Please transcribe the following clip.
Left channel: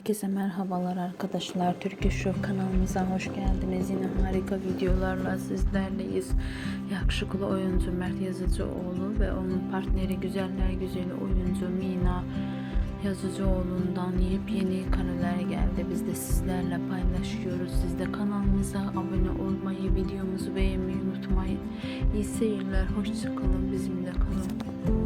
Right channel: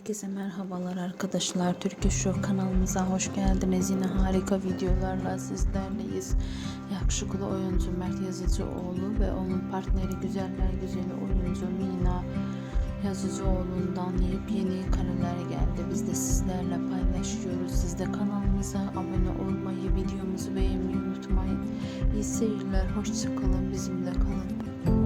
Herkese merhabalar arkadaşlar. Türkiye Show kanalımıza hoş geldiniz. Yine harika videolarla sizlerleyiz. Yakışıklı oyuncu Mert Yazıcıoğlu ve onun partneri güzeller güzeli oyuncu Mina Yazıcıoğlu'ndan yepyeni kareler geldi. Biz de sizlerle paylaşıyoruz. Siz de kanalımıza abone olmayı, videomuzu beğenmeyi unutmayın. İyi seyirler. Hoşça kalın. Bizimle kalın.